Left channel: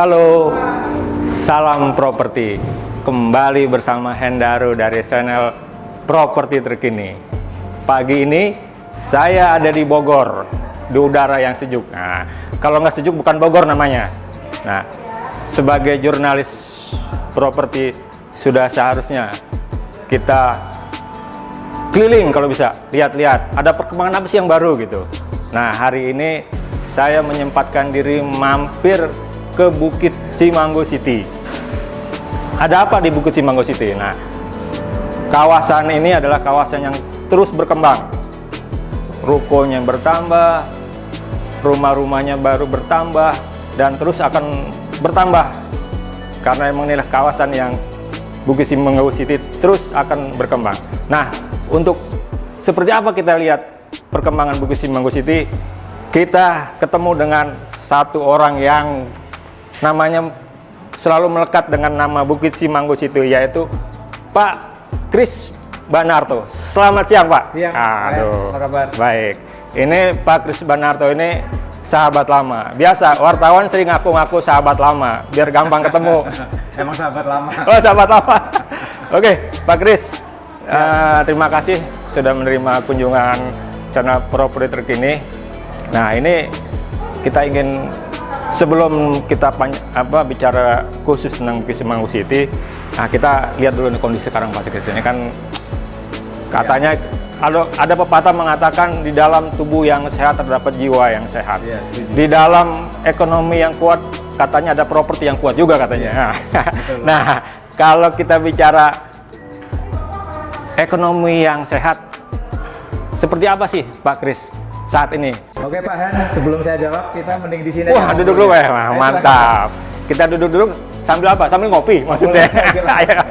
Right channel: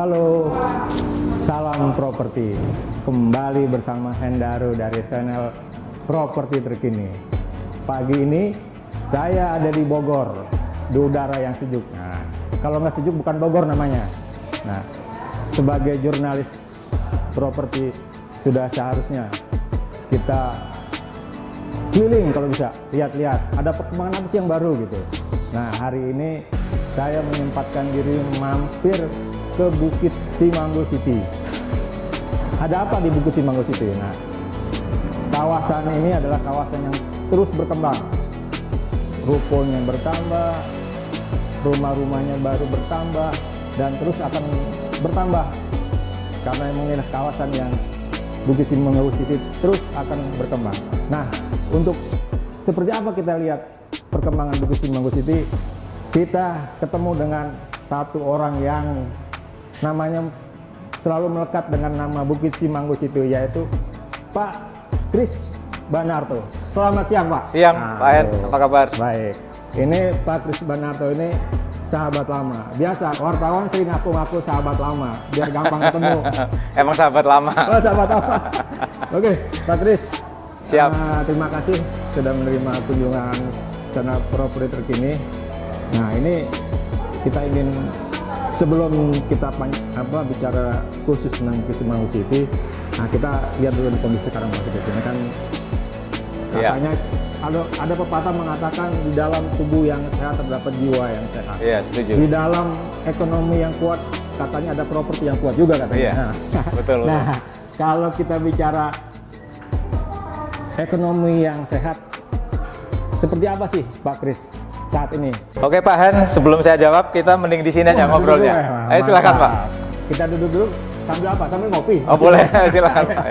Halo, salam properti. Kembali bersama Hendaru dari channel Properti Terkini. Pagi ini saya ada di Bogor, di udara yang sejuk. Nah, kalau nggak sejuk bukan Bogor namanya. Nah, sebagai jurnalis properti sudah seharusnya kita keliling kalau bisa, lihat-lihat ada perkembangan apa sih yang baru gitu. Nah, hari ini saya menyempatkan diri mampir ke Bukit Cimanggu City. Ada apa di Bukit Cimanggu City? Nah, kawasan ini adalah kawasan yang terus berkembang. Rukonya bertambah, rumah-rumahnya baru bertambah, dan terus akan bertambah. Karena emang inilah kawasan yang Bukit Cimanggu City terus akan berkembang. Nah, untuk seperti apa kita lihat perkembangan Bukit Cimanggu City, kita ketemu dengan satu orang yang namanya selalu melekat dengan nama Bukit Cimanggu City, yaitu Pak Kris Banarto. Selamat siang, Pak. Siang, Pak. Apa kabar? Baik. Ini Pak Kris Banarto ini sahabat lama. Biasa wartawan sering ngaku-ngaku sahabat lama biar gampang ketemu. Emang sahabat lama. Oh, sahabat lama. Oke, Pak Kris. Terima kasih sudah menerima kunjungan channel Properti Terkini. Nah, ini kita ingin, sebelum kita bicara khusus tentang Bukit Cimanggu City, nah kita lihat dulu kondisi sekarang Pak Kris. Ini kan katanya ada pepatah mengatakan di dalam tubuh yang sehat terdapat jiwa yang sehat. Iya, setuju. Di dalam ekonomi yang kuat katanya ada properti yang kuat juga katanya. Iya, betul. Nah, kalau kita bicara ekonomi yang sehat, seperti apa sih Pak Kris saat ini? Oke Pak Han, sebelum saya jawab, kita mending di sini aja. Duduk dulu ya, silakan, mantap. Pak. Kita duduk-duduk sambil apa? Sambil ngopi. Oh, boleh, silakan.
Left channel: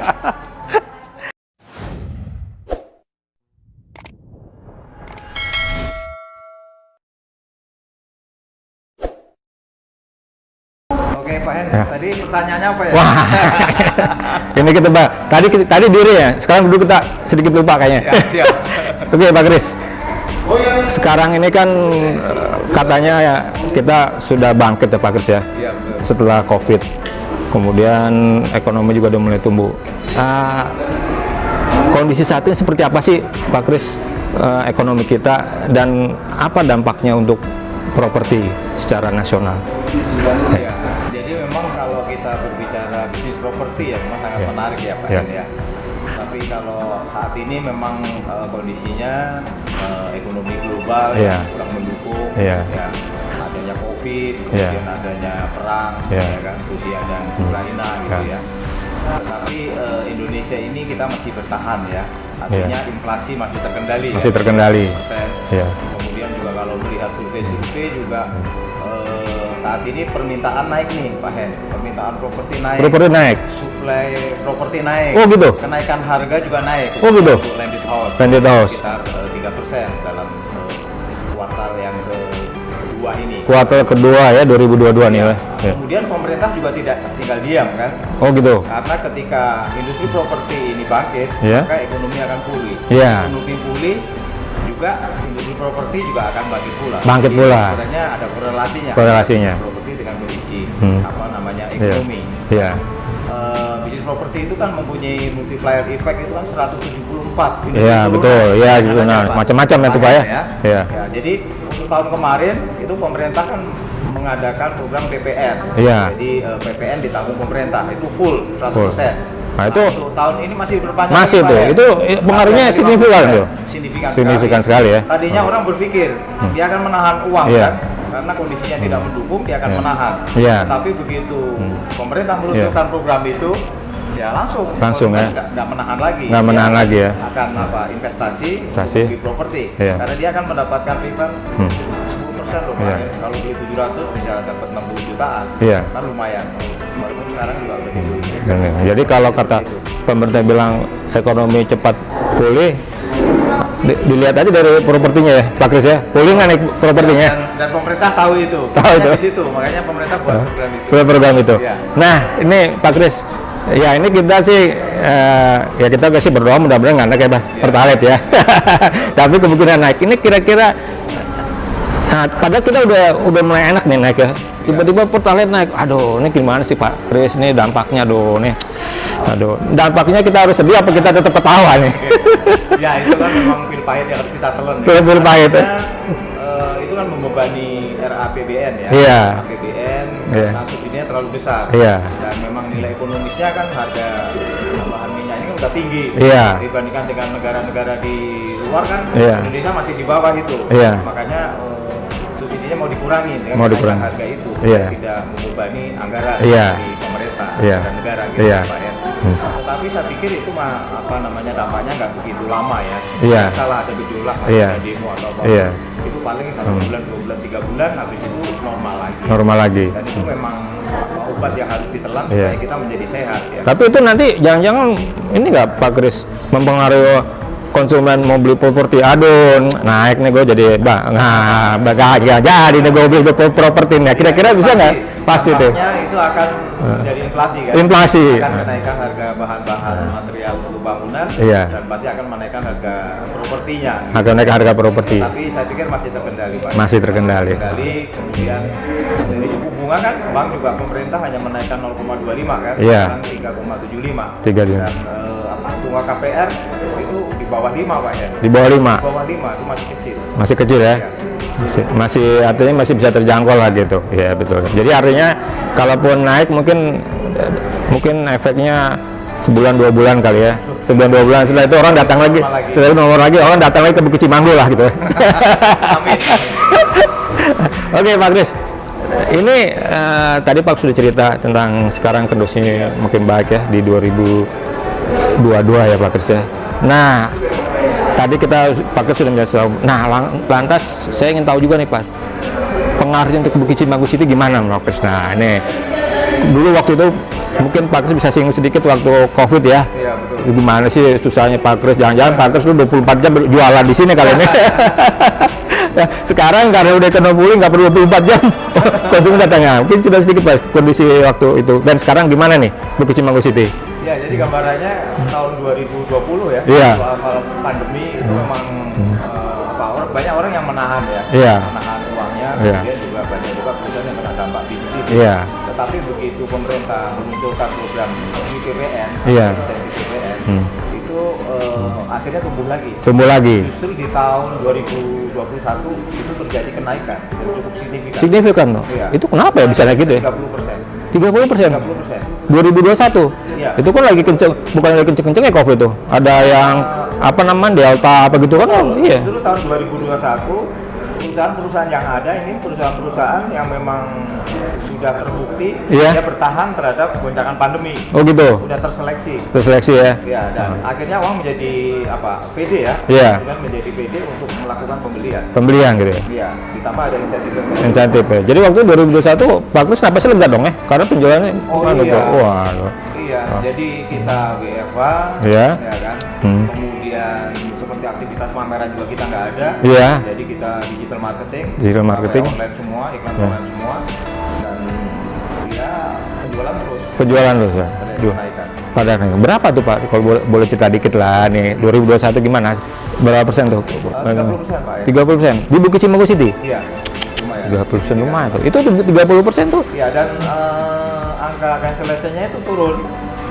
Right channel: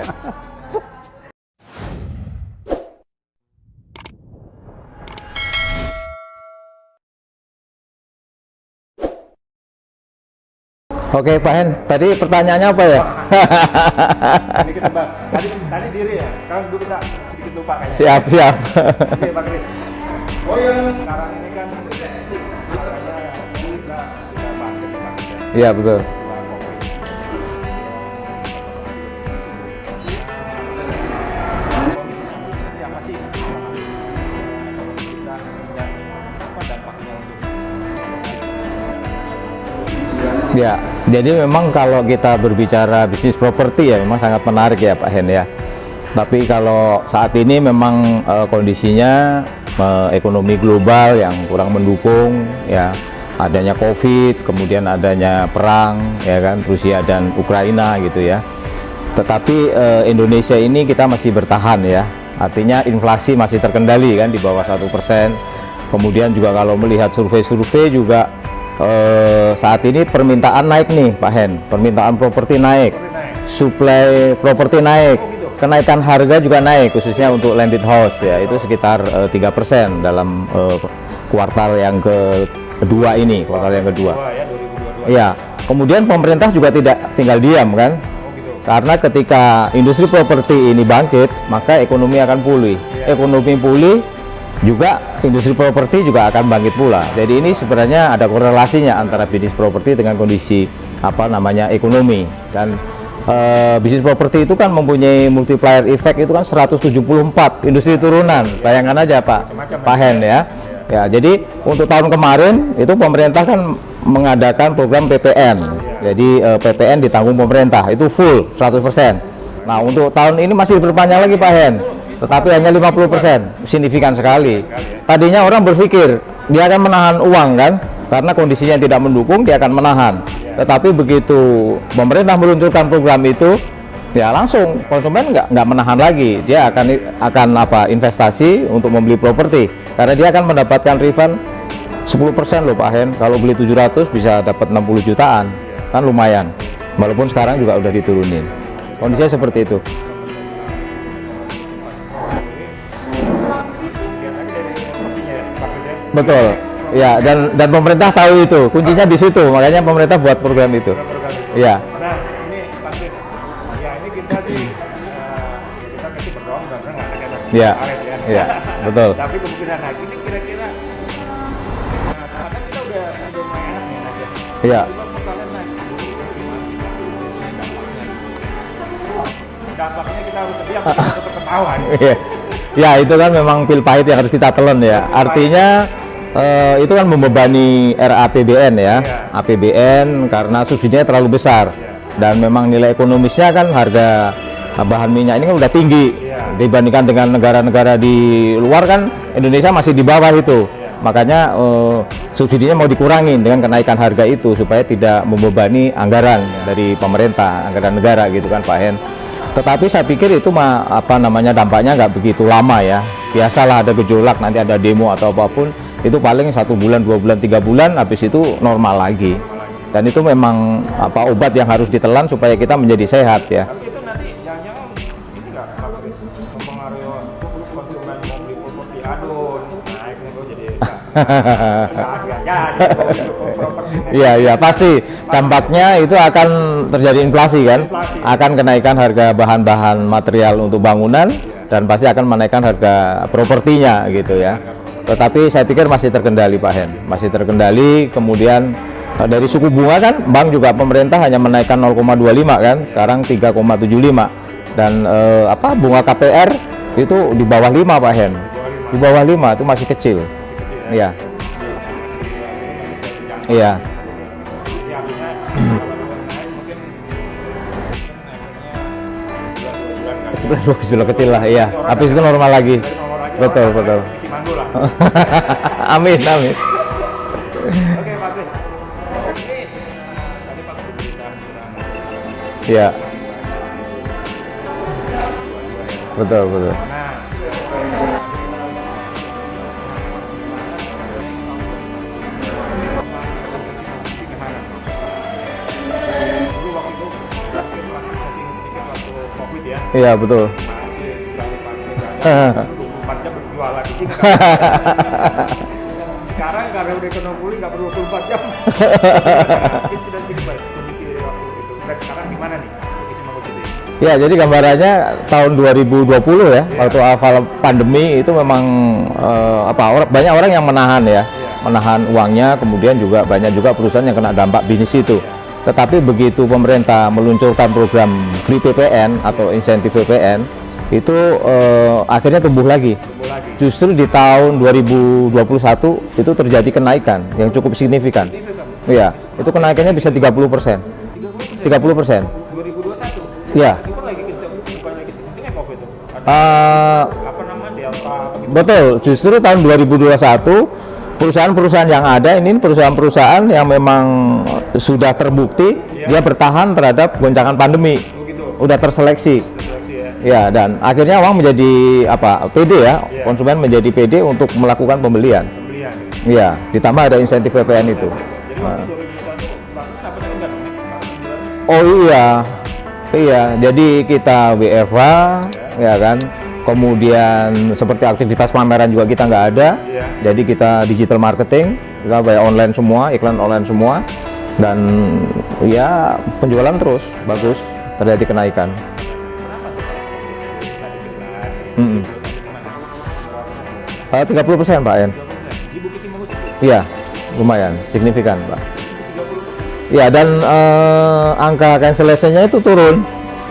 Oke Pak Hen, tadi pertanyaannya apa ya? Ini kita Pak. Tadi diri ya. Sekarang duduk kita sedikit lupa kayaknya. Siap. Oke Pak Kris. Sekarang ini kan katanya ya kita sudah bangkit ya Pak Kris ya. Iya betul. Setelah COVID, kemudian ekonomi juga udah mulai tumbuh. Kondisi saat ini seperti apa sih Pak Kris, ekonomi kita, dan apa dampaknya untuk properti secara nasional? Ya, jadi memang kalau kita berbicara bisnis properti ya memang sangat menarik ya Pak Hen ya. Tapi kalau saat ini memang kondisinya ekonomi global yang kurang mendukung, ya adanya COVID, kemudian adanya perang, ya kan, Rusia dan Ukraina gitu ya. Tetapi Indonesia ini kita masih bertahan ya. Artinya inflasi masih terkendali, masih terkendali. 1%. Kemudian juga kalau melihat survei-survei juga saat ini permintaan naik nih Pak Hen, permintaan properti naik, suplai properti naik. Oh gitu. Kenaikan harga juga naik, khususnya untuk landed house, sekitar 3% dalam kuartal yang kedua ini. Kuartal kedua ya 2022 ya. Kemudian pemerintah juga tidak tinggal diam kan? Oh gitu. Karena ketika industri properti ini bangkit, maka ekonomi akan pulih. Ekonomi pulih, juga industri properti juga akan bangkit pula. Jadi ini sebenarnya ada korelasinya antara bisnis properti dengan kondisi ekonomi. Bisnis properti itu kan mempunyai multiplier effect, itu kan 174 industri turunan. Bayangkan aja Pak, macam-macam ya. Ya, jadi untuk tahun kemarin itu pemerintah kan mengadakan program PPN. Jadi PPN ditanggung pemerintah, itu full 100%. Nah, itu untuk tahun ini masih berpanjang lagi Pak. Itu pengaruhnya signifikan sekali ya. Tadinya orang berpikir dia akan menahan uang kan, karena kondisinya tidak mendukung, dia akan menahan. Tetapi begitu pemerintah meluncurkan program itu, ya langsung konsumen nggak menahan lagi. Dia akan investasi untuk membeli properti, karena dia akan mendapatkan refund 10% loh Pak Hen. Kalau beli 700 bisa dapat 60 jutaan, kan lumayan. Walaupun sekarang juga udah diturunin. Jadi kalau seperti itu pemerintah bilang ekonomi cepat pulih, dilihat aja dari propertinya ya Pak Kris ya. Boleh naik propertinya. Dan pemerintah tahu itu. Makanya di situ, makanya pemerintah buat program itu. Nah, ini Pak Kris, ya ini kita sih ya kita sih berdoa mudah-mudahan nggak naik ya Pak. Pertalite ya. Tapi kemungkinan naik. Ini kira-kira Nah, padahal kita udah mulai enak nih naik ya. Tiba-tiba Pertalite naik. Aduh, ini gimana sih Pak Kris? Ini dampaknya dampaknya kita harus sedih apa kita tetap ketawa nih? Ya itu kan memang pil pahit yang harus kita telan ya. Artinya itu kan membebani RAPBN ya. APBN karena subsidinya terlalu besar. Dan memang nilai ekonomisnya kan harga bahan minyak ini kan udah tinggi dibandingkan dengan negara-negara di luar kan. Indonesia masih di bawah itu. Makanya subsidinya mau dikurangi dengan kenaikan harga itu supaya tidak membebani anggaran dari pemerintah, anggaran negara gitu ya Pak Hen. Tetapi saya pikir itu dampaknya nggak begitu lama ya. Biasalah ada gejolak, nanti ada demo atau apapun. Itu paling 1 bulan, 2 bulan, 3 bulan, habis itu normal lagi. Dan itu memang obat yang harus ditelan supaya kita menjadi sehat ya. Tapi itu nanti jangan-jangan ini nggak Pak Kris mempengaruhi konsumen mau beli properti, aduh naik nih gue jadi jadi nih gue beli properti nih. Kira-kira pasti dampaknya itu akan terjadi inflasi kan. Akan kenaikan harga bahan-bahan material untuk bangunan dan pasti akan menaikkan harga propertinya gitu. Harga properti. Tapi saya pikir masih terkendali Pak. Masih terkendali. Kemudian dari suku bunga kan bank juga pemerintah hanya menaikkan 0,25 kan. Sekarang 3,75. Dan bunga KPR itu di bawah 5 Pak Hen. Di bawah 5 itu masih kecil. Masih kecil ya? Masih artinya masih bisa terjangkau lah gitu. Iya betul. Jadi artinya kalaupun naik mungkin efeknya sebulan 2 bulan kali ya. Sebulan 2 bulan setelah itu orang datang lagi. Setelah itu nomor lagi orang datang lagi ke Bukit Cimanggu lah gitu. Amin. Oke Pak Kris. Ini tadi Pak sudah cerita tentang sekarang kondisinya makin baik ya di 2022 ya Pak Kris. Nah, tadi Pak Kris sudah menjelaskan. Nah, lantas saya ingin tahu juga nih Pak, pengaruhnya untuk Bukit Cimanggu City gimana Pak Kris? Nah, ini dulu waktu itu mungkin Pak Kris bisa singgung sedikit waktu COVID ya. Iya betul. Gimana sih susahnya Pak Kris? Jangan-jangan Pak Kris 24 jam jualan di sini kali ini. Sekarang karena udah kena bully nggak perlu 24 jam. Langsung katanya. Mungkin sudah sedikit Pak kondisi waktu itu. Dan sekarang gimana nih Bukit Cimanggu City? Ya jadi gambarannya tahun 2020 ya. Waktu awal pandemi itu memang banyak orang yang menahan ya. Menahan uangnya. Kemudian juga banyak juga perusahaan yang kena dampak bisnis itu. Tetapi begitu pemerintah meluncurkan program Free PPN atau insentif PPN itu akhirnya tumbuh lagi. Justru di tahun 2021 itu terjadi kenaikan yang cukup signifikan. Loh. Itu kenapa bisa gitu? 30%. 30%. 2021. Itu kan lagi bukan lagi kenceng-kencengnya COVID itu. Ada yang Delta apa gitu. Betul. Justru tahun 2021 perusahaan-perusahaan yang ada ini perusahaan-perusahaan yang memang sudah terbukti dia bertahan terhadap goncangan pandemi. Oh gitu. Udah terseleksi ya. Ya, dan akhirnya uang menjadi pede ya. Konsumen menjadi pede untuk melakukan pembelian gitu ya. Iya, ditambah ada insentif PPN. Jadi waktu 2021 bagus kenapa sih lega dong ya? Karena penjualannya Iya, jadi kita WFH ya kan. Kemudian seperti aktivitas pameran juga kita nggak ada. Jadi kita digital marketing. Bayar online semua, iklan online semua. Dan penjualan terus ya. Terjadi kenaikan. Berapa tuh Pak? Kalau boleh cerita dikit lah nih. 2021 gimana? Berapa persen tuh? 30% Pak ya. 30%. Di Bukit Cimanggu City? Iya. Lumayan. Signifikan. Itu 30% tuh? Ya, dan angka cancellation-nya itu turun.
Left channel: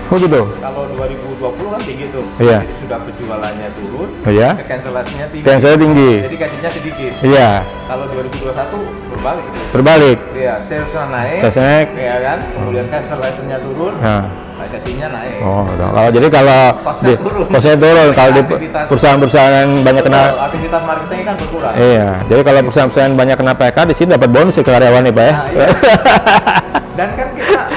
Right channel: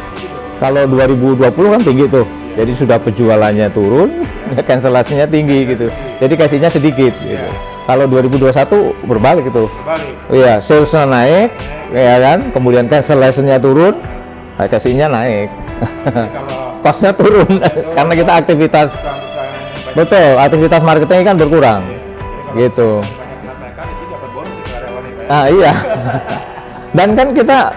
Oh gitu. Kalau 2020 kan tinggi tuh. Jadi sudah penjualannya turun, cancellation-nya tinggi. Jadi kasihnya sedikit. Kalau 2021 berbalik itu. Iya, sales-nya naik. Ya kan? Kemudian cancellation-nya turun. Kasihnya naik. Jadi kalau pasnya turun. Kalau aktivitas perusahaan banyak aktivitas marketing kan berkurang. Jadi kalau perusahaan banyak kena PK di sini dapat bonus ke karyawan nih Pak ya. Dan kan kita,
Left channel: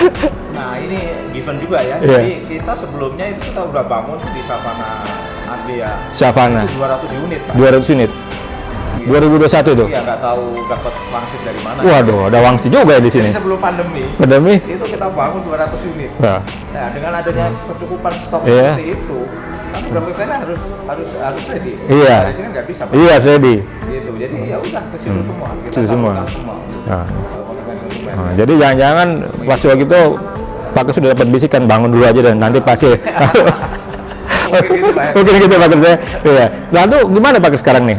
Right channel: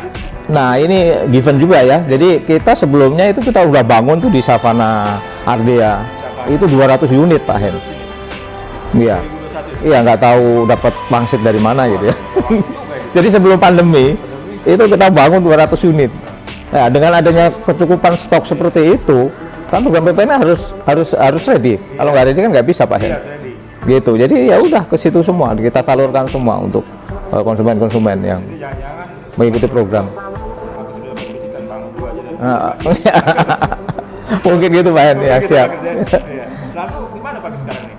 ini given juga ya. Jadi kita sebelumnya itu kita udah bangun tuh di Savana Ardea. Itu 200 unit Pak. 200 unit. 2021 itu? Iya, nggak tahu dapat wangsit dari mana. Waduh, ada wangsit juga ya di sini. Jadi sebelum pandemi itu kita bangun 200 unit. Nah, dengan adanya kecukupan stok seperti itu, kan program PPN harus ready. Hari ini kan nggak bisa Pak. Ready. Gitu. Jadi ya udah ke situ semua, kita salurkan semua untuk konsumen-konsumen ya. Jadi jangan-jangan pas waktu itu Pak sudah dapat bisikan bangun dulu aja dan nanti pasti. Mungkin gitu Pak. Mungkin gitu Pak saya. Lalu gimana Pak sekarang nih?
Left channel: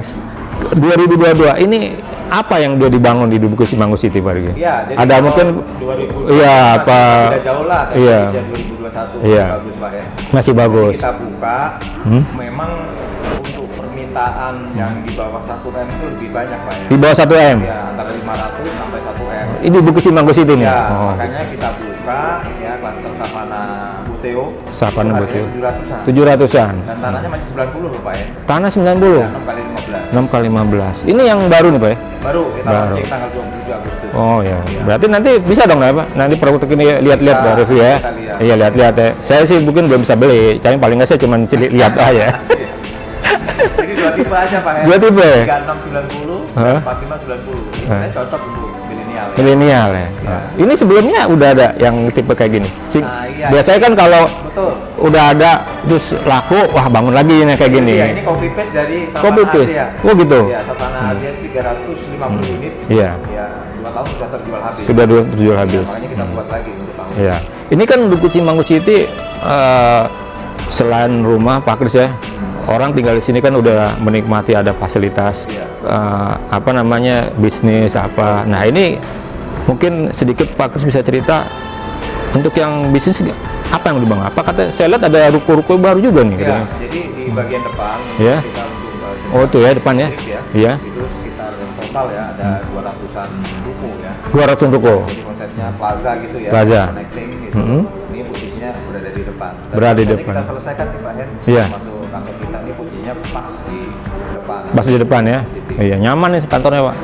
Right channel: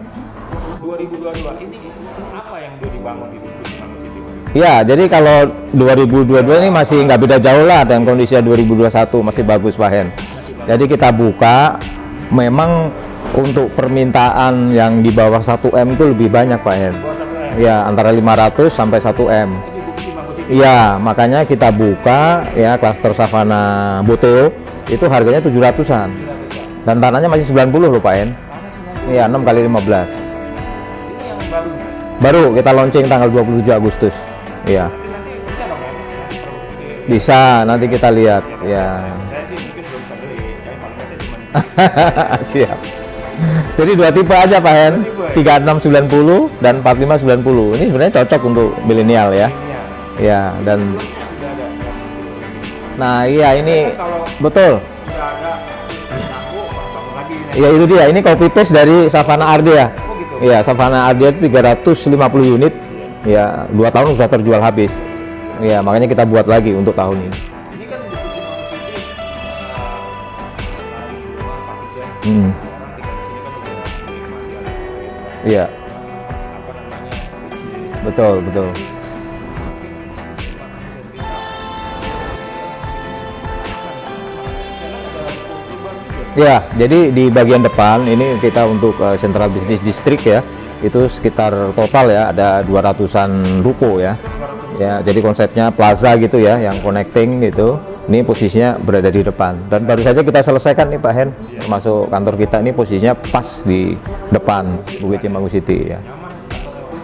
2022 ini apa yang dia dibangun di Bukit Cimanggu City, Pak Rigi? Ya, jadi ada kalau 2020 ya, masih nggak beda jauh lah, dan Indonesia 2021 masih Iya. bagus, Pak Hen. Masih bagus. Jadi kita buka, memang untuk permintaan yang di bawah 1M itu lebih banyak, Pak Hen. Di bawah 1M? Ya, antara 500 sampai 1M. Ini Bukit Cimanggu City? Ya, makanya kita buka ya klaster Savana Boteo, itu harganya 700-an. 700-an. Dan tanahnya masih 90 loh, Pak Hen. Tanah 90? Ya, 6 kali 15. 6 kali 15. Ini yang baru nih, Pak ya? Baru kita launching tanggal 27 Agustus. Oh ya. Iya. Berarti nanti bisa dong ya, Pak? Nanti produk ini lihat-lihat Bisa, gitu nanti kita lihat. Iya, lihat-lihat ya. Saya sih mungkin belum bisa beli. Saya paling nggak saya cuma lihat aja. Siap. Jadi 2 tipe aja, Pak Hen. 2 tipe. 3690 dan 4590. Ini sebenarnya cocok untuk milenial ya. Milenial ya. Ya. Ini dan- sebelumnya udah ada yang tipe kayak gini. Nah, iya. Biasanya ini- kan kalau betul. udah ada terus laku, wah bangun lagi nih Ya, kayak ini gini. dia, ini copy paste dari Savana Copy paste. Ardea. Oh gitu. Ya, Savana Ardea itu 350 unit. Iya. Ya, 2 tahun sudah terjual habis. Sudah terjual habis. Ya, makanya kita buat lagi untuk tahun Iya. Ini kan Bukit Cimanggu City selain rumah Pak Kris ya, orang tinggal di sini kan udah menikmati ada fasilitas, Iya. apa namanya bisnis apa. Betul, Nah betul. ini mungkin sedikit Pak Kris bisa cerita untuk yang bisnis apa yang dibangun? Apa kata saya lihat ada ruko-ruko baru juga nih. Ya, jadi di bagian depan ini Iya. kita untuk Central tuh ya, Business depan ya. District ya. Iya. Itu sekitar total ya ada 200-an ruko ya. 200 ruko. Ya, jadi konsepnya plaza gitu ya, Plaza. yang connecting gitu. Ini posisinya berada di depan. Dan Berada baru di saja depan. kita selesaikan nih Pak Hen. Iya. Masuk kantor kita ini posisinya pas di depan. Pas di depan ya. Cimanggu City. Iya, nyaman nih kantornya, Pak.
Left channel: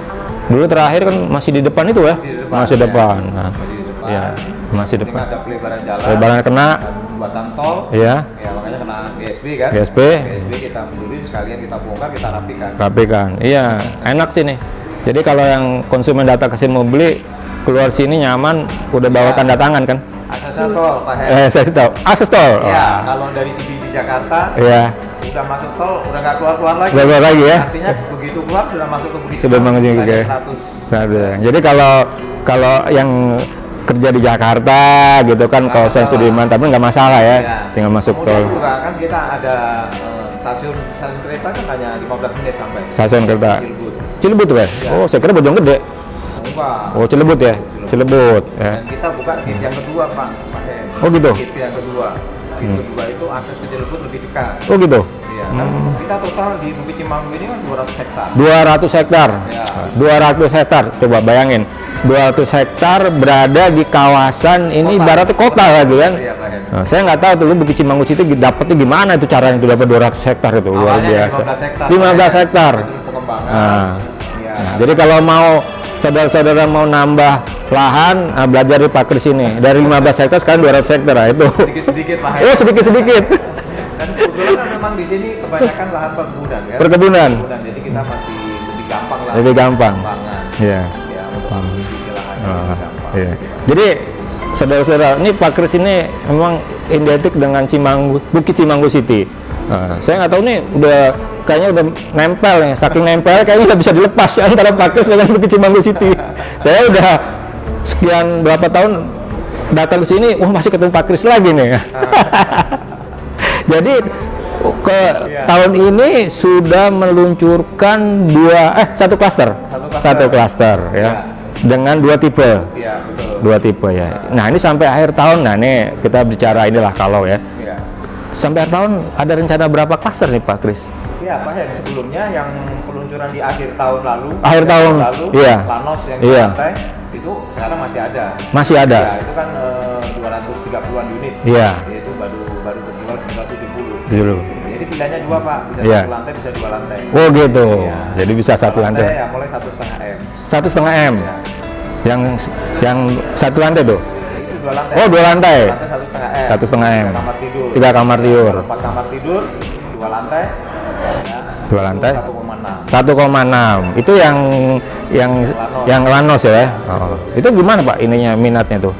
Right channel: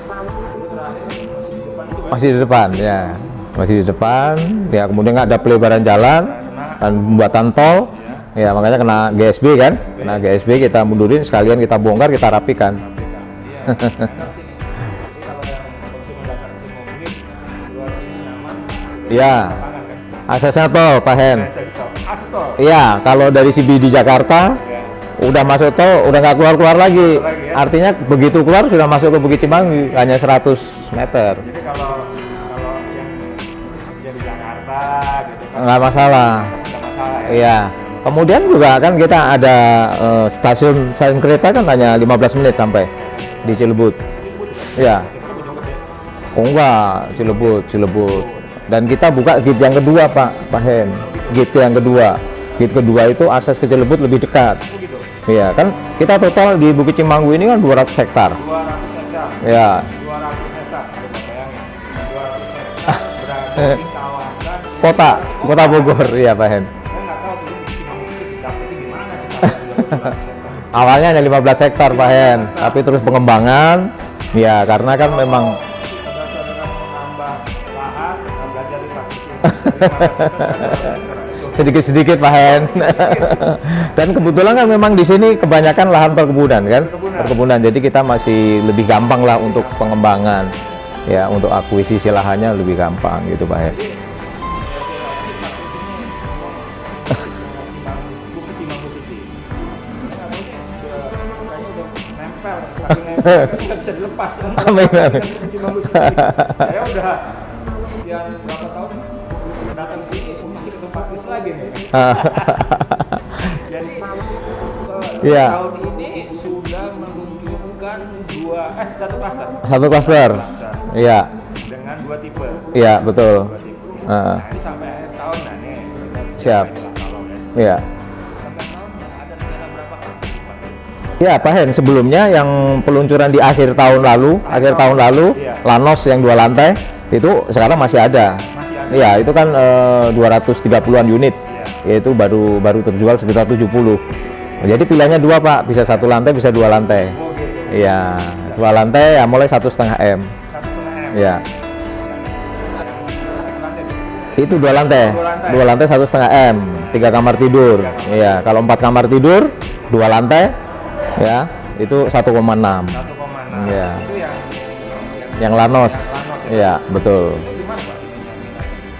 Dulu terakhir kan masih di depan itu ya? Masih di depan. Masih di ya. depan. Nah, Masih di depan. Ya, Masih kemudian ada pelebaran jalan. lebaran kena. Dan pembuatan tol. Iya. Ya, makanya kena GSB kan. GSB. Nah, GSB kita mundurin sekalian kita bongkar, kita rapikan. Rapikan. Iya, enak sih nih. Jadi kalau yang konsumen datang ke sini mau beli, keluar sini nyaman, udah bawa Iya. tanda tangan kan? Aksesnya tol, Pak Hen. Saya tahu. Akses tol. Iya, kalau dari CBD Jakarta, Iya. udah masuk tol, udah nggak keluar-keluar lagi. Nggak keluar lagi ya? Artinya begitu keluar sudah masuk ke Bukit Cimanggu, Cimanggu hanya ya. 100 meter. Jadi kalau yang kerja di Jakarta gitu kan, Nggak kawasan masalah. Sudirman, tapi nggak masalah ya. Iya. Tinggal masuk Kemudian tol. juga kan kita ada stasiun kereta kan hanya 15 menit sampai Stasiun kereta. di Cilebut. Cilebut tuh ya? Iya. Oh, saya kira Bojonggede. Oh enggak. Oh, Cilebut ya? Cilebut. Cilebut, ya. Dan kita buka gate yang kedua, Pak Hen. Oh, gitu? Gate yang kedua. Gate kedua itu akses ke Cilebut lebih dekat. Oh gitu. Iya, kan kita total di Bukit Cimanggu ini kan 200 hektar. 200 hektar. Ya. 200 hektar. Coba bayangin. 200 hektar berada di kawasan ini ibaratnya kota gitu kan. Iya, Pak Hen. Nah, saya nggak tahu tuh Bukit Cimanggu City dapetnya gimana itu caranya itu dapat 200 hektar itu. Awalnya ada Luar biasa. 15 hektar. 15 Pak Hen. hektar. Tapi terus pengembangan. Ya, karena Jadi kan kalau memang- mau saudara-saudara mau nambah lahan, belajar di Pak Kris ini. Dari 15 hektar sekarang 200 hektar. Nah, itu sedikit-sedikit, Pak Hen. Ya, sedikit-sedikit. Dan kebetulan kan memang di sini kebanyakan lahan perkebunan kan. Perkebunan. Jadi kita masih lebih gampang lah Lebih untuk gampang. pengembangan. Iya. Ya, untuk akuisisi lahannya lebih gampang Iya. gitu, Pak Hen. Jadi saudara-saudara, ini Pak Kris ini memang identik dengan Bukit Cimanggu City. Nah, saya nggak tahu nih udah kayaknya udah nempel nih, saking nempel kayaknya udah bisa dilepas ya, antara Pak Kris dengan Bukit Cimanggu City. Saya udah sekian berapa tahun datang ke sini, wah masih ketemu Pak Kris lagi nih. Jadi Iya. tahun ini sudah meluncurkan satu klaster. Satu klaster. Satu klaster. Iya. Dengan 2 tipe. Iya, betul. 2 tipe ya. Nah, ini sampai akhir tahun. Nah, nih kita bicara inilah kalau ya. Iya. Sampai akhir tahun ada rencana berapa klaster nih Pak Kris? Ya, Pak Hen, sebelumnya yang peluncuran di akhir tahun lalu, Akhir tahun lalu, iya. Lanos yang dua Iya. lantai itu sekarang masih ada. Masih ada. Ya, itu kan 230-an unit. Iya. Yaitu baru terjual sekitar 70. Gitu. Jadi pilihannya dua, Pak, bisa Iya. satu lantai, bisa 2 lantai. Oh gitu. Iya. Jadi bisa Dua satu lantai ya mulai 1,5 M. 1,5 M. Ya. Yang satu lantai tuh. Itu 2 lantai. Oh, 2 lantai. 2 lantai 1,5 M. 1,5 M. 3 kamar tidur. 3 kamar Iya, tidur. Kalau 4 kamar tidur, 2 lantai ya. Dua itu lantai. 1,6. 1,6. Iya. Itu yang Lanos. Yang Lanos ya. Iya, betul. Itu gimana Pak ininya minatnya tuh?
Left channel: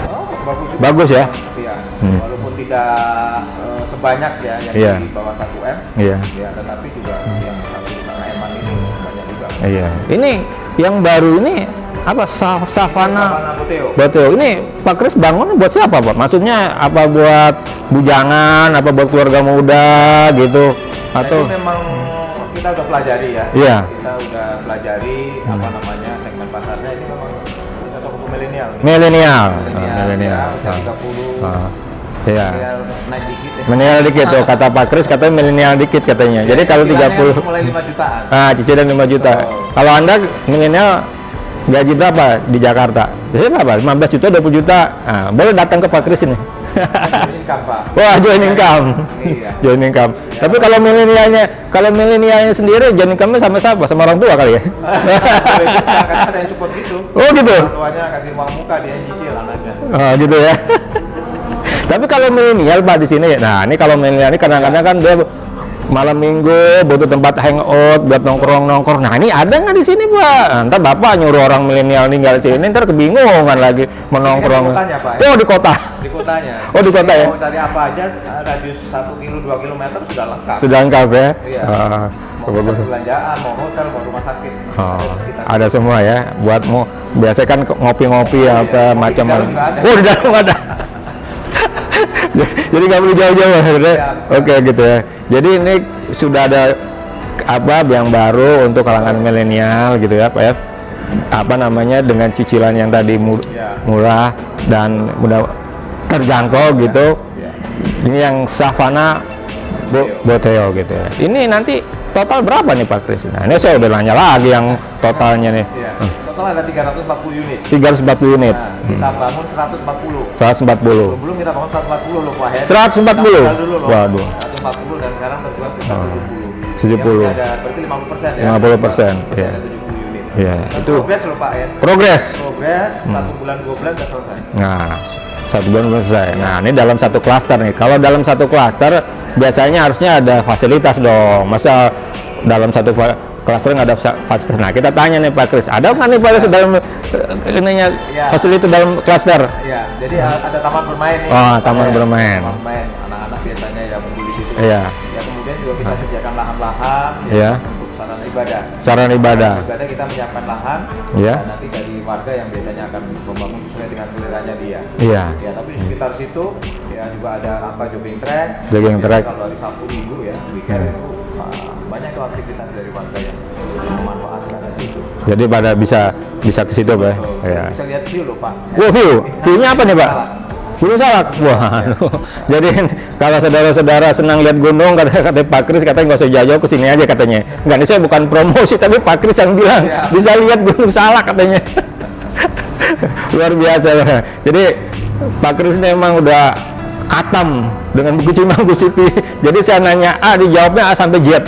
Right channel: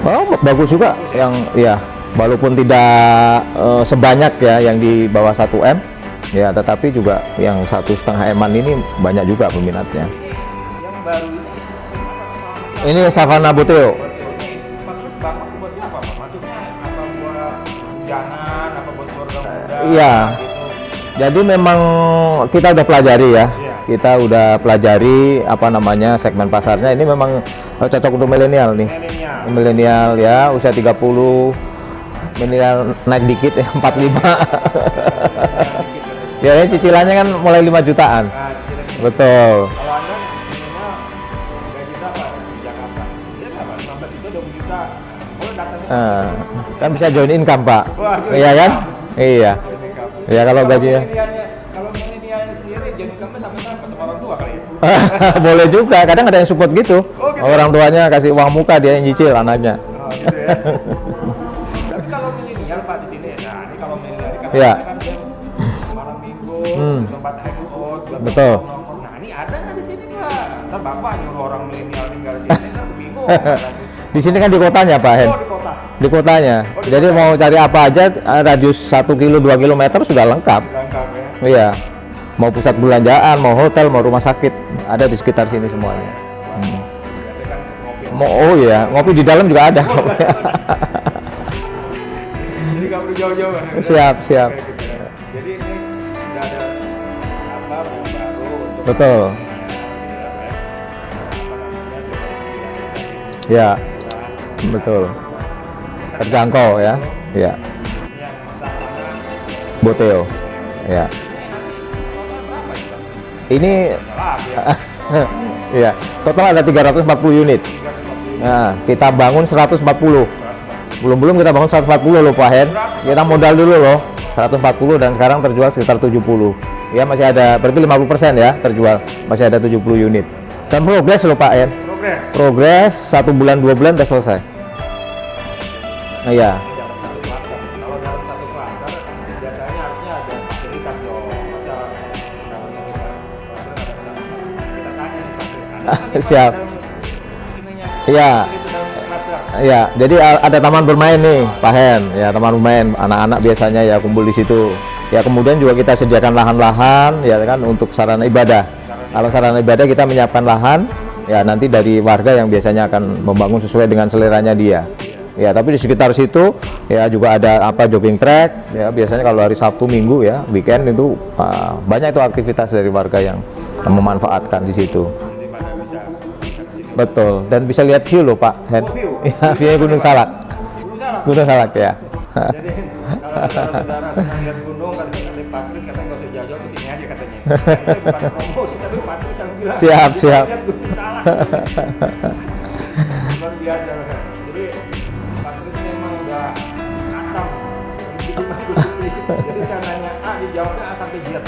Oh, bagus juga. Bagus ya? Iya. Walaupun tidak sebanyak ya yang Iya. di bawah 1 M. Iya. Ya, tetapi juga yang 1,5 M-an ini banyak juga peminatnya. Ini yang baru ini apa Ini Savana Boteo. Betul. Ini Pak Kris bangun buat siapa Pak? Maksudnya apa buat bujangan, apa buat keluarga muda Iya. gitu? Jadi memang kita udah pelajari ya. Iya. Kita udah pelajari apa namanya segmen pasarnya. Ini memang cocok untuk milenial nih. Milenial ya, usia 30. Iya. Milenial naik dikit ya. Milenial dikit tuh, kata Pak Kris katanya milenial dikit katanya. Jadi kalau cicilannya kan mulai 5 jutaan. Ah, cicilan 5 juta. Kalau Anda milenial gaji berapa di Jakarta? Biasanya berapa? 15 juta, 20 juta. Nah, boleh datang ke Pak Kris ini. Kan bisa join income, Pak. Wah, join income. Iya. Join income. Ya, tapi kalau milenialnya sendiri join income-nya sama siapa? Sama orang tua kali ya? Boleh juga, kadang ada yang support gitu. Oh, gitu. Orang tuanya kasih uang muka, dia yang nyicil anaknya. Oh, gitu ya. Tapi kalau milenial Pak di sini, nah ini kalau milenial ini kadang-kadang kan dia malam minggu butuh tempat hangout buat nongkrong. Nah ini ada nggak di sini Pak? Ntar Bapak nyuruh orang milenial tinggal sini, ntar kebingungan lagi. Di sini kan di kotanya Pak. Oh di kota. Di kotanya. Oh di kota. Mau cari apa aja radius 1 kilo 2 kilometer sudah lengkap. Sudah lengkap ya. Iya. Mau pusat perbelanjaan, mau hotel, mau rumah sakit, ada di sekitar. Ada semua ya. Buat mau biasanya kan ngopi-ngopi. Oh iya. Ngopi di dalam juga ada. Oh di dalam ada. Jadi nggak perlu jauh-jauh. Siap. Oke gitu ya. Jadi ini sudah ada apa yang baru untuk kalangan milenial gitu ya Pak ya. Apa namanya dengan cicilan yang tadi murah dan mudah terjangkau gitu. Ya. Ini yang Savana Boteo gitu ya. Ini nanti total berapa nih Pak Kris? Nah, ini saya udah nanya lagi yang totalnya nih. Iya. Total ada 340 unit. 340 unit. Nah, kita bangun 140. 140. Belum kita bangun 140 loh Pak Head. 140. Kita modal dulu loh. Waduh. 140 dan sekarang terjual sekitar 70. 70. Ya masih ada berarti 50% ya. 50%. Masih ada 70 unit. Iya. Dan progres loh Pak Head. Progres 1 bulan 2 bulan udah selesai. Nah, 1 bulan belum selesai. Iya. Nah, ini dalam satu klaster nih. Kalau dalam satu klaster biasanya harusnya ada fasilitas dong. Masa dalam satu klaster nggak ada fasilitas? Nah, kita tanya nih Pak Kris, ada nggak nih fasilitas dalam ininya fasilitas dalam klaster? Iya, jadi ada taman bermain nih. Taman bermain. Taman bermain. Anak-anak biasanya ya kumpul di situ. Iya. Ya kemudian juga kita sediakan lahan-lahan ya kan untuk sarana ibadah. Sarana Sarana ibadah kita menyiapkan lahan. Iya. Ya nanti dari warga yang biasanya akan membangun sesuai dengan seleranya dia. Iya. Ya, tapi di sekitar situ ya juga ada jogging track. Biasanya kalau hari Sabtu Minggu ya, weekend itu banyak itu aktivitas dari warga yang memanfaatkan di situ. Jadi pada bisa ke situ Pak. Betul. Dan bisa lihat view loh Pak. View. View-nya apa nih Pak? Gunung Salak. Ya. Jadi kalau saudara-saudara senang lihat gunung, kata Pak Kris katanya nggak usah jauh-jauh ke sini aja katanya. Dan ini saya bukan promosi tapi Pak Kris yang bilang bisa lihat Gunung Salak katanya. Luar biasa. Jadi Pak Kris ini memang udah katam dengan buku Cimanggu City. Jadi saya nanya A, dijawabnya A sampai Z.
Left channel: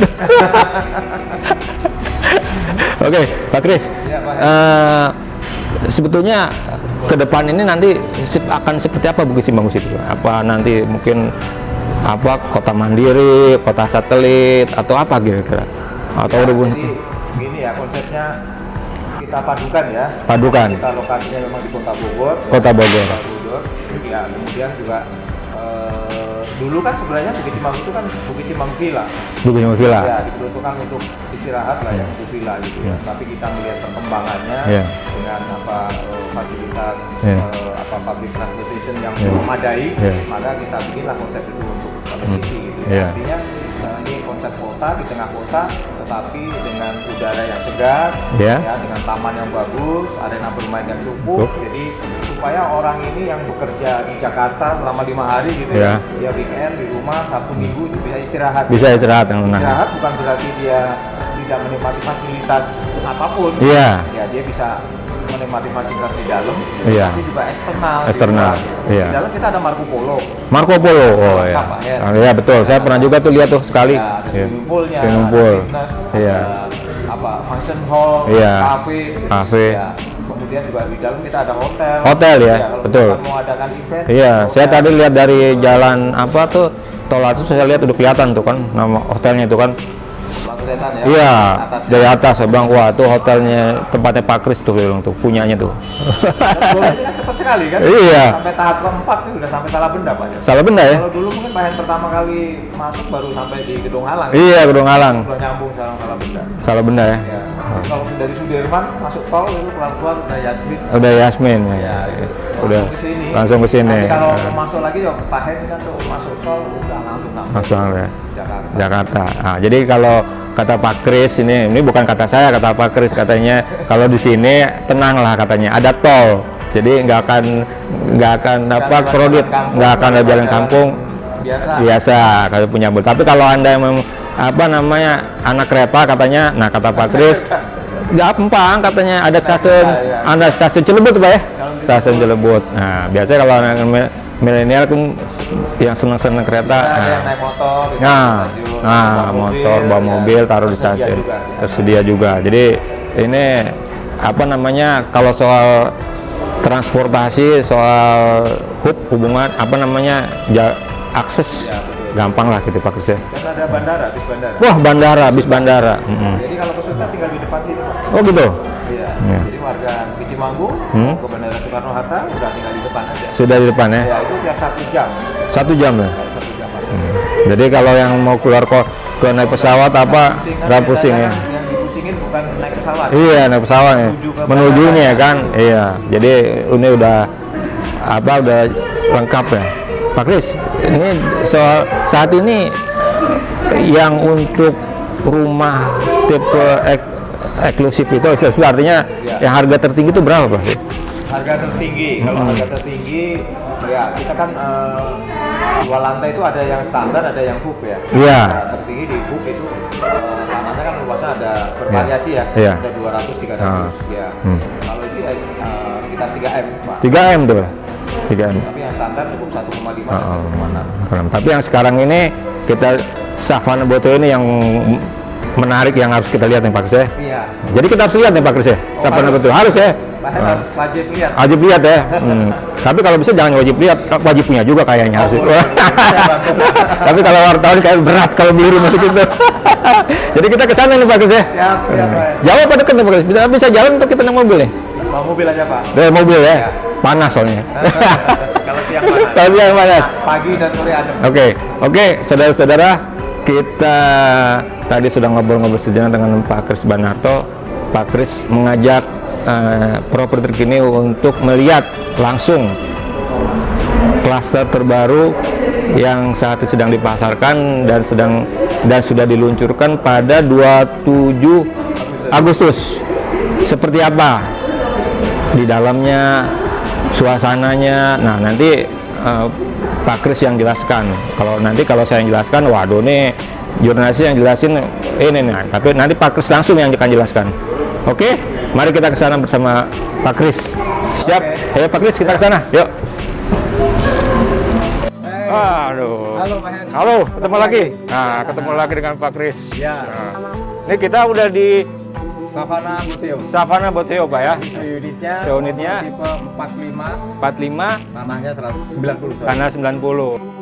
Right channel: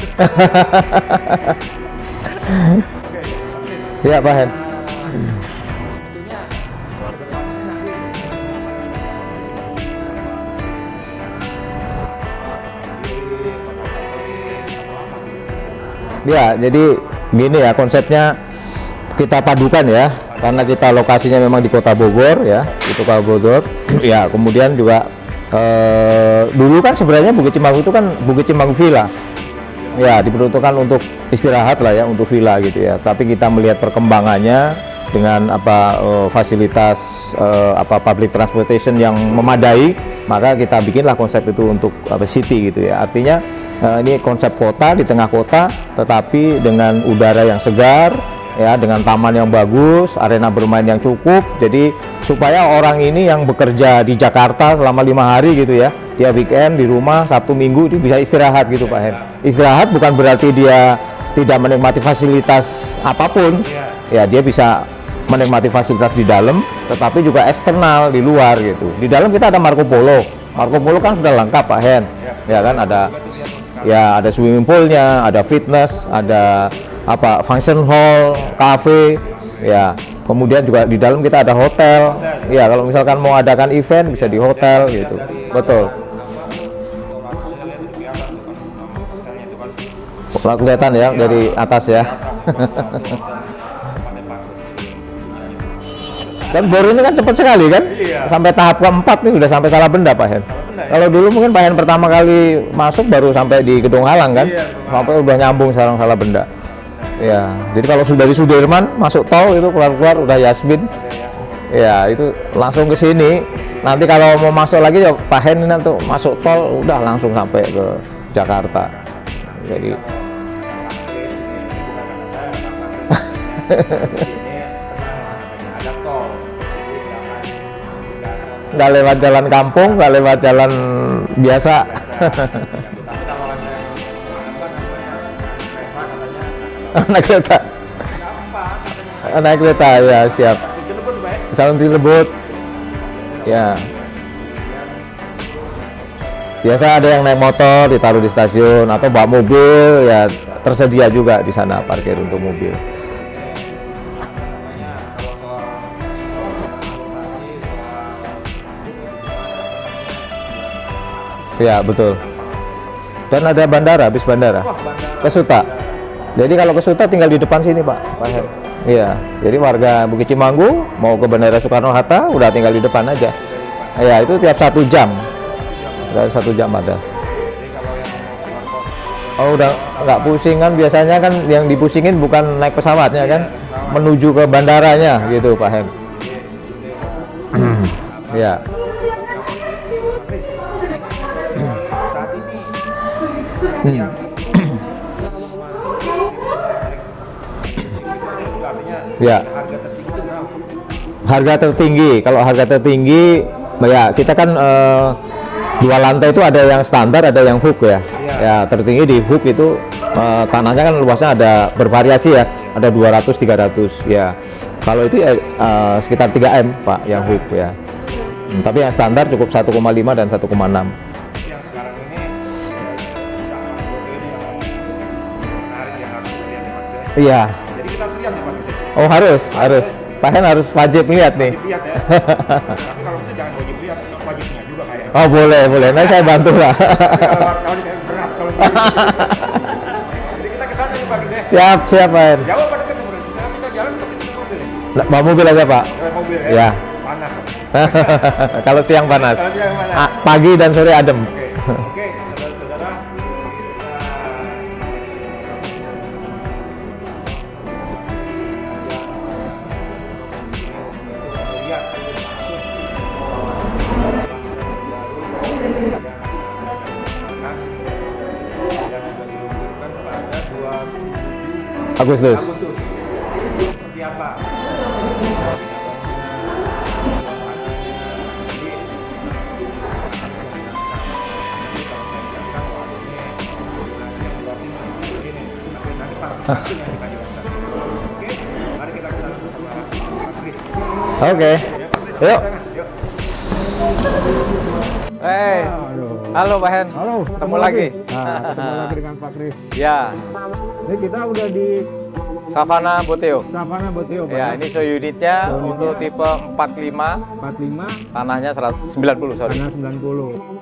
Oke, Pak Kris. Ya, Pak. Sebetulnya ke depan ini nanti akan seperti apa Bukit Cimanggu City? Apa nanti mungkin kota mandiri, kota satelit atau apa kira-kira? Ya, jadi gini ya konsepnya kita padukan ya. Karena kita lokasinya memang di Kota Bogor ya. Kota Bogor. Ya, kemudian juga dulu kan sebenarnya Bukit Cimanggu itu kan Bukit Cimanggu Villa. Ya, diperuntukkan untuk istirahat lah ya, untuk villa gitu ya. Tapi kita melihat perkembangannya dengan fasilitas public transportation yang memadai, maka kita bikinlah konsep itu untuk city gitu ya. Artinya ini konsep kota di tengah kota, tetapi dengan udara yang segar, ya, dengan taman yang bagus, arena bermain yang cukup. Jadi supaya orang ini yang bekerja di Jakarta selama 5 hari gitu ya, dia weekend di rumah Sabtu Minggu itu bisa istirahat. Bisa istirahat. Istirahat bukan berarti dia tidak menikmati fasilitas apapun. Ya, dia bisa menikmati fasilitas di dalam, tapi juga eksternal di luar gitu. Di dalam kita ada Marco Polo kan sudah lengkap Pak Her. Iya betul. Saya pernah juga tuh lihat tuh sekali. Ya, ada swimming poolnya, ada fitness, ada function hall, cafe. Ya. Kemudian juga di dalam kita ada hotel ya. Kalau misalkan mau adakan event, saya tadi lihat dari jalan tol atas saya lihat udah kelihatan tuh kan nama hotelnya itu kan. Kelihatan ya, dari atas saya bilang wah itu hotelnya tempatnya Pak Kris tuh punyanya tuh. Dan borongnya kan cepat sekali kan? Iya. Sampai tahap keempat nih udah sampai Salabenda Pak Hen. Salabenda ya. Kalau dulu mungkin Pak Hen pertama kali masuk baru sampai di Gedung Halang kan? Iya, Gedung Halang. Udah nyambung sekarang Salabenda. Salabenda ya. Iya. Jadi kalau sudah dari Sudirman masuk tol itu keluar udah Yasmin. Ya. Itu langsung ke sini. Nanti kalau mau masuk lagi ya Pak Hen ini nanti masuk tol udah langsung sampai Jakarta. Nah, jadi kalau kata Pak Kris ini bukan kata saya, kata Pak Kris katanya kalau di sini tenanglah katanya, ada tol, jadi nggak akan jalan kampung, nggak akan ada jalan kampung biasa kalau punya bus. Tapi kalau anda yang anak kereta katanya, nah kata Pak Kris gampang katanya, ada stasiun Cilebut Pak ya, stasiun Cilebut. Nah biasanya kalau anak milenial kan yang senang kereta, biasa ada yang naik motor ditaruh di stasiun, atau bawa mobil tersedia juga di sana. Tersedia juga. Jadi ini kalau soal transportasi, soal hubungan akses, ya betul, gampang lah gitu Pak Kris. Dan ada bandara, bis bandara. Wah, bis bandara. Jadi kalau ke Suta tinggal di depan sini Pak. Oh gitu. Iya. Jadi warga Bukit Cimanggu mau ke Bandara Soekarno Hatta udah tinggal di depan aja. Sudah di depan ya. Ya itu tiap 1 jam. 1 jam ya. Dari 1 jam ada. Jadi kalau yang mau keluar ke naik pesawat biasanya kan yang dipusingin bukan naik pesawat. Iya, naik pesawat. Menuju ke bandara ya kan. Gitu, iya. Jadi ini udah udah lengkap ya. Pak Kris, ini soal saat ini yang untuk rumah tipe eksklusif itu artinya yang harga tertinggi itu berapa Pak? Harga tertinggi, kalau harga tertinggi ya kita kan 2 lantai itu ada yang standar, ada yang hook ya. Iya. Nah, tertinggi di hook itu tanahnya kan luasnya ada bervariasi ya. Iya. Ada 200-300 ya. Kalau itu sekitar 3M Pak. 3M tuh ya. 3M. Tapi yang standar cukup 1,5 dan 1,6. Tapi yang sekarang ini kita Savana Boteo ini yang menarik yang harus kita lihat nih Pak Kris ya. Iya. Jadi kita harus lihat nih Pak Kris ya. Oh, harus ya. Pak Hen harus wajib lihat. Wajib lihat ya. Tapi kalau bisa jangan wajib lihat, wajib punya juga kayaknya. Oh boleh. Nanti saya bantu lah. Tapi kalau wartawan kayak berat kalau biru masuk itu. Jadi kita ke sana nih Pak Kris ya. Siap Pak Hen. Jauh apa dekat nih Pak Kris? Bisa jalan untuk kita naik mobil nih? Bawa mobil aja Pak. Mobil ya. Ya. Panas soalnya. Kalau siang panas. Kalau siang panas. Pagi dan sore adem. Oke, saudara-saudara, kita tadi sudah ngobrol-ngobrol sejenak dengan Pak Kris Banarto. Pak Kris mengajak properti terkini untuk melihat langsung klaster terbaru yang saat ini sedang dipasarkan dan sudah diluncurkan pada 27 Agustus. Seperti apa di dalamnya, suasananya. Nah, nanti Pak Kris yang jelaskan. Kalau saya yang jelaskan, waduh nih jurnalis yang jelasin ini nih. Tapi nanti Pak Kris langsung yang akan jelaskan. Oke, mari kita ke sana bersama Pak Kris. Siap? Ayo Pak Kris, kita ke sana. Yuk. Aduh. Halo Pak Hen. Halo, ketemu lagi. Nah, ketemu lagi dengan Pak Kris. Ya. Ini kita udah di Savana Boteo Pak ya. Ini unitnya tipe 45. Tanahnya 90. Tanah 90.